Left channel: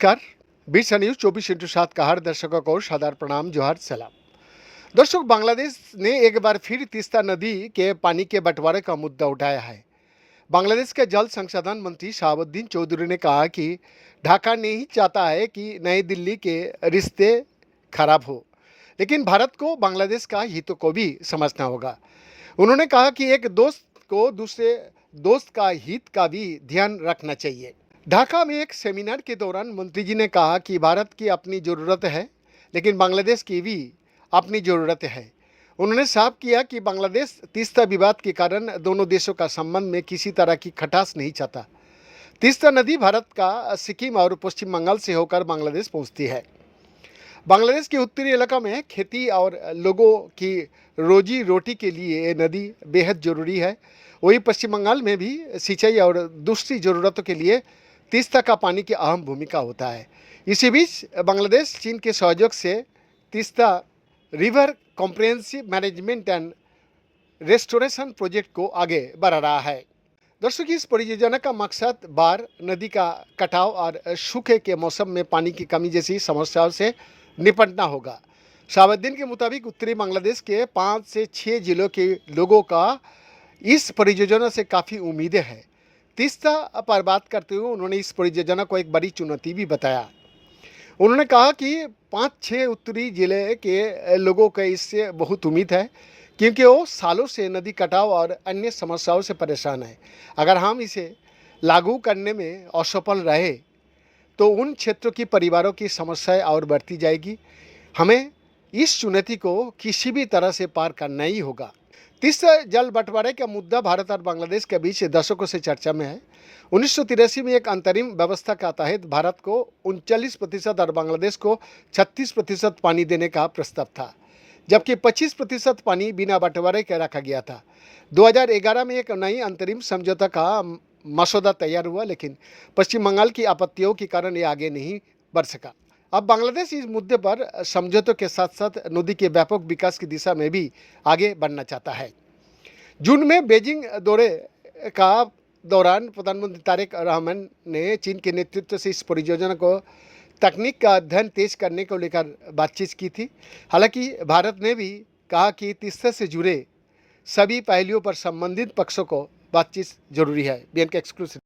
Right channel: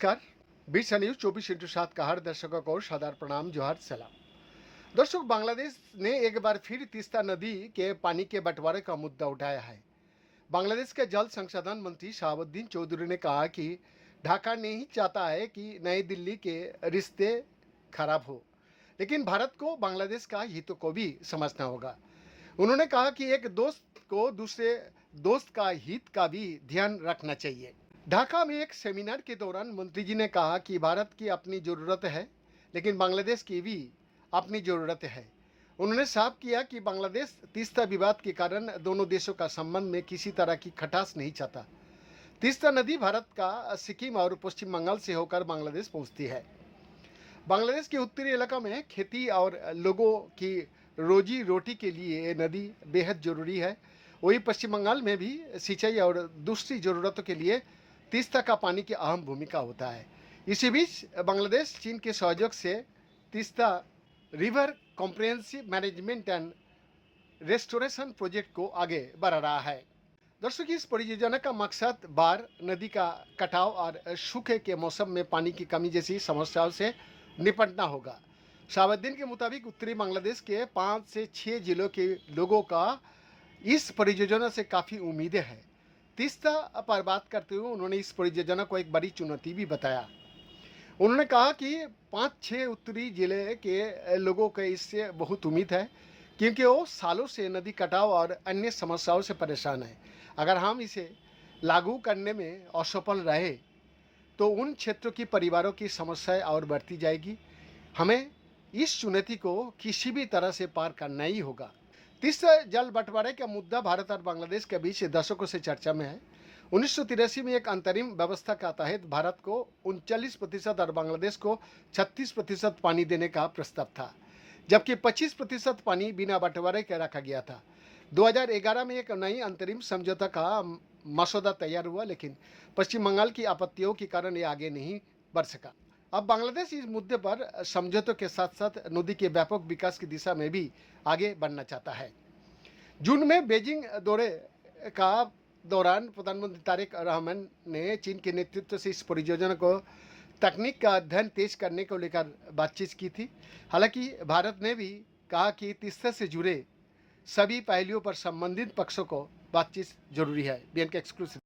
नमस्कार। बीसा न्यूज 24/7 का हर दर्शकों को सादर प्रणाम, जोहार, सलाम। दर्शक, बांग्लादेश ने एक बार फिर तीस्ता नदी के पानी के बंटवारे का मुद्दा उठाया है। बांग्लादेश के जल संसाधन मंत्री शहाबुद्दीन चौधरी ने कहा कि ढाका नहीं चाहता है कि नई दिल्ली के रिश्ते खराब हो, लेकिन भारत को बांग्लादेश का हितों को भी समझना होगा। उन्होंने कहा कि एक दोस्त को दूसरे दोस्त का हित का भी ध्यान रखना चाहिए। ढाका में एक सेमिनार के दौरान मंत्री जी ने कहा कि भारत की अपनी ज़रूरत है, लेकिन बांग्लादेश की भी अपनी ज़रूरत है। उन्होंने साफ किया कि बांग्लादेश तीस्ता विवाद के कारण दोनों देशों का संबंध में किसी तरह की खटास नहीं चाहता। तीस्ता नदी भारत का सिक्किम और पश्चिम बंगाल से होकर बांग्लादेश पहुंचती है। बांग्लादेश के उत्तरी इलाका में खेती और लोगों की रोजी रोटी के लिए ये नदी बेहद ज़रूरी है। वहीं पश्चिम बंगाल में भी सिंचाई और दूसरी ज़रूरतों के लिए तीस्ता का पानी की अहम भूमिका होता है। इसी बीच बांग्लादेश चीन के सहयोग से Teesta river comprehensive management and restoration project को आगे बढ़ा रहा है। दर्शकों, इस परियोजना का मकसद बाढ़, नदी का कटाव और सूखे के मौसम में पानी की कमी जैसी समस्याओं से निपटना होगा। शहाबुद्दीन के मुताबिक उत्तरी बांग्लादेश के 5 से 6 जिलों के लोगों का इस परियोजना से काफ़ी उम्मीदें हैं। तीस्ता पर बात करते हुए उन्होंने इस परियोजना को एक बड़ी चुनौती भी बताया। उन्होंने कहा कि 5-6 उत्तरी जिले के लोगों को इससे बहुत उम्मीद है, क्योंकि वो सालों से नदी कटाव और अन्य समस्याओं से परेशान है। अगर हम इसे लागू करने में असफल रहे तो उन क्षेत्रों की परिवारों की समस्याएं और बढ़ती जाएगी। हमें इस चुनौती को किसी भी तरह से पार करना ही होगा। तीसरा, जल बंटवारे का मुद्दा भारत और बांग्लादेश के बीच दशकों से चर्चा में है। 1983 में एक अंतरिम व्यवस्था के तहत भारत को 39% और बांग्लादेश को 36% पानी देने का प्रस्ताव था, जबकि 25% पानी बिना बंटवारे के रखा गया था। 2011 में एक नई अंतरिम समझौता का मसौदा तैयार हुआ, लेकिन पश्चिम बंगाल की आपत्तियों के कारण ये आगे नहीं बढ़ सका। अब बांग्लादेश इस मुद्दे पर समझौतों के साथ साथ नदी के व्यापक विकास की दिशा में भी आगे बढ़ना चाहता है। जून में बीजिंग दौरे का दौरान प्रधानमंत्री तारिक रहमान ने चीन के नेतृत्व से इस परियोजना को तकनीक का अध्ययन तेज करने को लेकर बातचीत की थी। हालांकि भारत ने भी कहा कि तीस्ता से जुड़े सभी पहलुओं पर संबंधित पक्षों को बातचीत जरूरी है। बीएन के एक्सक्लूसिव।